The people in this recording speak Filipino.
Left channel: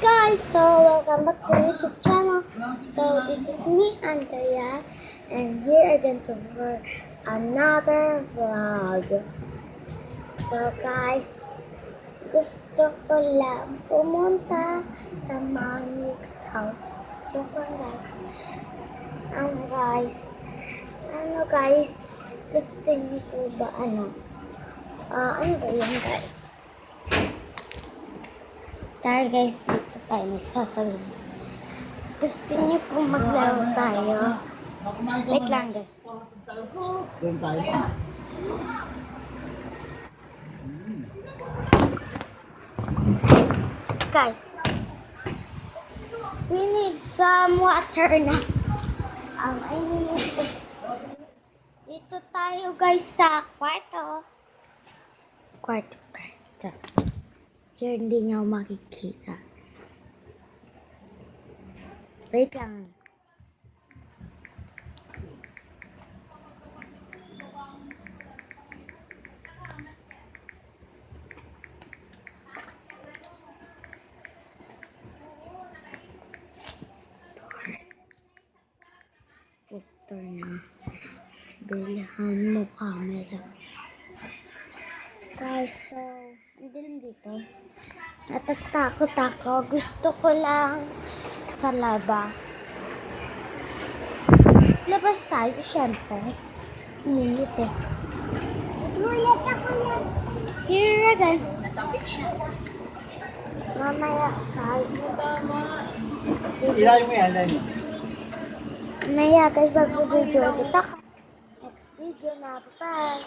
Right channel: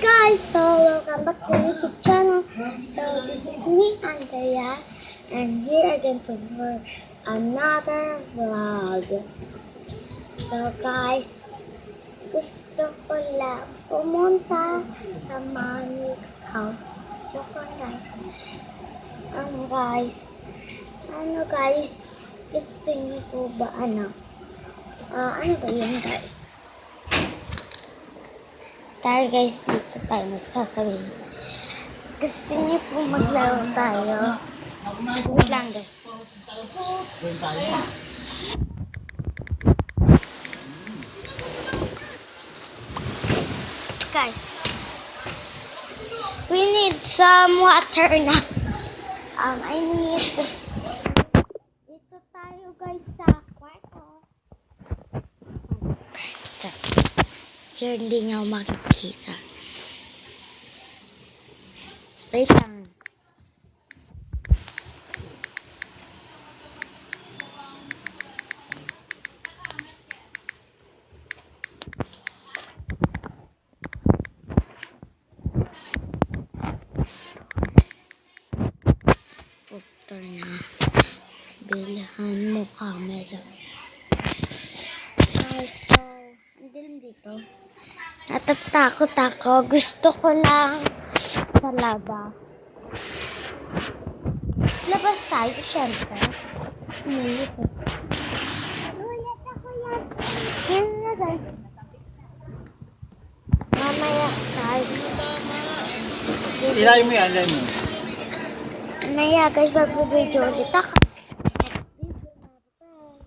guys, so welcome back to YouTube channel. So this is me, Andrea, and here again to for another vlog. So guys, gusto ko lang pumunta sa Manik's house. Joke lang guys. Guys, gusto niyo po ba ano ba yan guys? Tayo guys, dito tayo nagsasabihin. Gusto niyo po maglaro tayo? Wait lang guys. Doon tayo. Guys, we need some water na. I need... Dito tayo guys sa kwarto. Kwarto. Here, hindi niyo makikita. Wait lang. Puktor na. Bilhan mo camera. Guys, so, ang dilim dito. Natatakot ako. Gusto ko lang sa labas. Labas tayo, syempre. Minit eh. Mulit ako lang. Here guys. Mamaya guys. Ilayin mo yan, ilayin mo. Mamaya guys, mag-video ulit ako. Next video na. Bye-bye.